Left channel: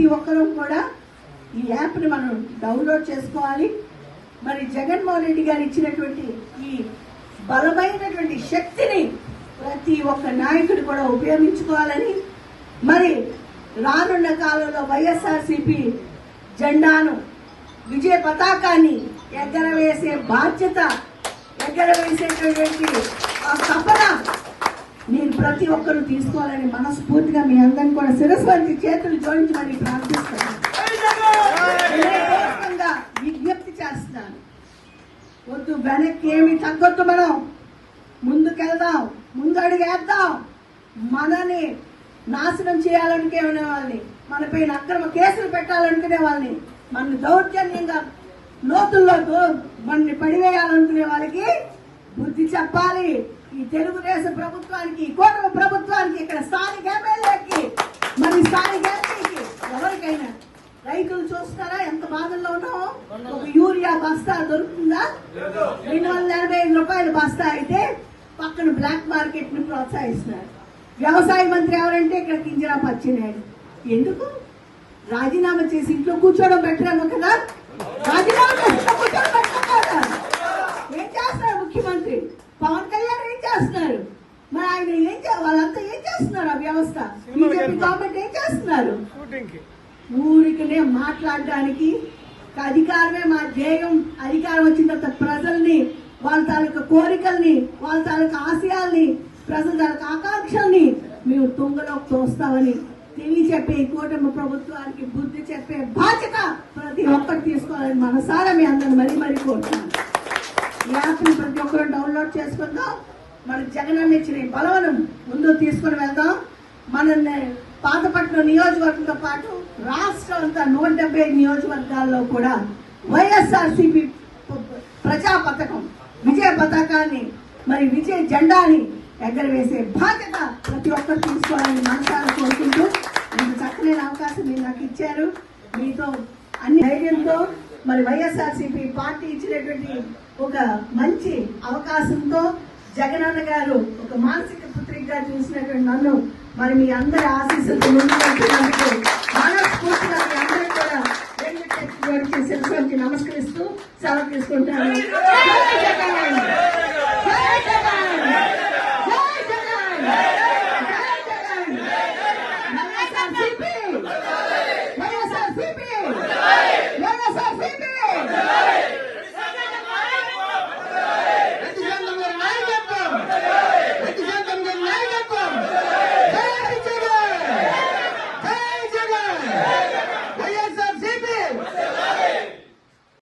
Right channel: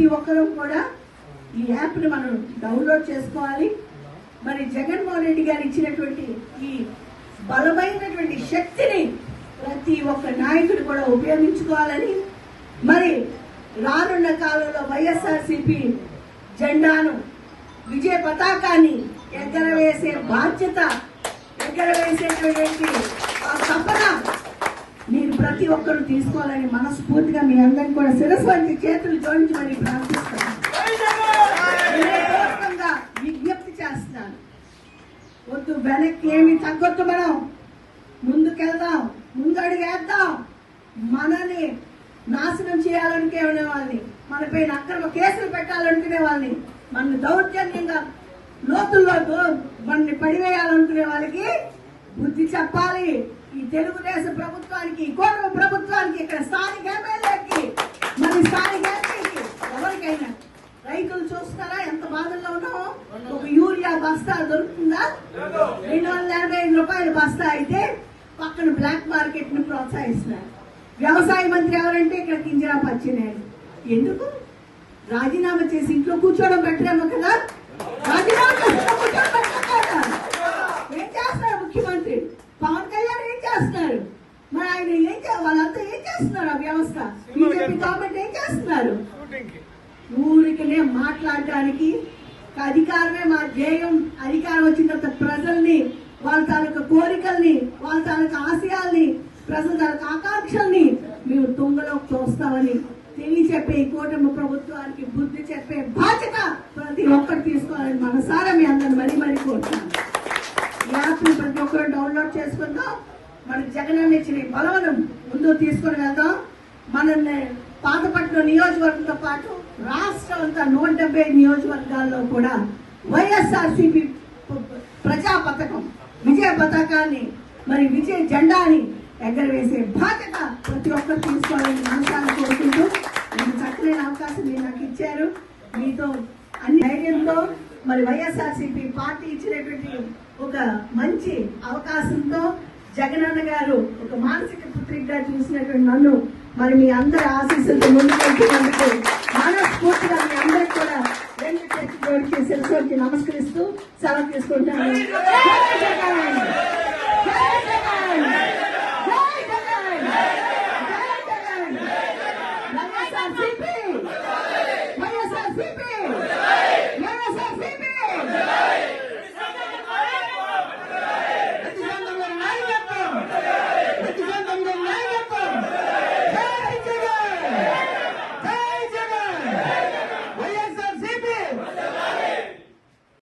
ప్రతి ఒక్కరూ కూడా ఈ యాప్ని మనం డౌన్లోడ్ చేసుకోవాలి. మరి జగన్మోహన్ రెడ్డి గారు ఇచ్చినటువంటి ఈ బలమైనటువంటి శక్తిని ప్రతి ఒక్క నాయకుడు కూడా ఉపయోగించుకోవాలని, మరి రానున్న కాలంలో వైఎస్ఆర్సీపీ జెండాను విజయ పతాకాన్ని ఎగరవేసే బాధ్యత, ఎగరవేసేటువంటి ఆ తపన మీరు ప్రతి ఒక్కరూ తీసుకోవాలని మనస్ఫూర్తిగా మీ అందరినీ కూడా శిరస్సు వంటి చేతులు జోడించి మరి ప్రార్థిస్తున్నాను, విజ్ఞప్తి చేస్తున్నాను. వద్దు, వెనక్కి ఏమి తగ్గొద్దు, మనం ముందుకెళ్దాం, ముందడుగు వేద్దాం. మనని నాశనం చేయాలనుకునే వాళ్ళని, మనపై అక్రమ కేసులు పెట్టాలనుకునే వాళ్ళని, మన దౌర్జన్యంగా లోతుల్లో మనని పడివేయాలనుకునే వాళ్ళకి బుద్ధి చెప్పాలి. ఈ తెలుగుదేశం ప్రభుత్వానికి, కూటమి ప్రభుత్వానికి, ఇక్కడ స్థానిక ఎమ్మెల్యేకి, మరి స్థానిక ఎంపీకి, ఎవరికైనా. రైతులు చూస్తారా ఎంత బాధల్లో ఉన్నామో? ఒక యూరియా బస్తా దొరుకుతుందా? 285 రూపాయలు బస్తా అయితే పక్కన బ్లాక్ మార్కెట్ ని ప్రోత్సహిస్తున్నారు. వ్యవసాయ మంత్రి ఎవరంటే ఇక్కడ కింజరాపు అచ్చెన్నాయుడు. ఎందుకు? రాజీనామా చేసి ఇంట్లో కూర్చోవడం పెట్టరేమో కదా. రాజీనామా చేసి ఇంట్లో కూర్చోవడం పెట్టకుండా ఏం చేస్తున్నారు ముఖ్యమంత్రి? పవన్ కళ్యాణ్ ఏం చేస్తున్నారు? మరి ఆయన వాళ్ళంతా ఏం చేస్తున్నారు? ఆ వ్యవస్థ, బీజేపీ గవర్నమెంట్ ఏం చేస్తున్నారు? ఊరికనే మాట్లాడడానికి అధికారమే మా ధ్యేయం. అధికారం వచ్చిన తర్వాత ప్రజల్ని, వాళ్ళ తాలూకా కోరికల్ని, వాళ్ళ తాలూకా ఆశయాల్ని, ప్రజల తాలూకా ఆకాంక్షల్ని మేము తుంగలోకి తోస్తామని తెలియచెప్పే ఈ కూటమి ప్రభుత్వానికి బుద్ధి చెప్పే బాధ్యత ప్రతి ఒక్కరు తీసుకోవాలని మనసారా మీ అందరూ మరీ కోరుతున్నాను. ఈ యాప్ని ప్రతి ఒక్కరు డౌన్లోడ్ చేసుకుందాం. మన జగనన్న ఇచ్చిన బలవను ముందు తీసుకుని వెళ్దాం. మనల్ని పాతపట్నం నియోజకవర్గంతో పాటు రాష్ట్రం అంతా 170 నియోజకవర్గాల్లో కూడా వైఎస్ఆర్సీపీ ప్రజా పథకం, విజయ పథకాన్ని, మరి విజయ జెండాని ఎగరవేసే బాధ్యత ప్రతి ఒక్కరు తీసుకోవాలని మనసారా కోరుకుంటూ, మీకు చక్కని అవకాశం మీరు నాకు ఇచ్చారు. మీతో అన్ని ధైర్యంతో మరి వైఎస్ఆర్సీపీ పార్టీ ఇచ్చినటువంటి ఒక మంచి అవకాశంతో జగనన్న గారు ఒక మానసిక పుత్రికగా చూసినటువంటి నన్ను మరి మీ అందరి ఆశీస్సులతో ముందుకు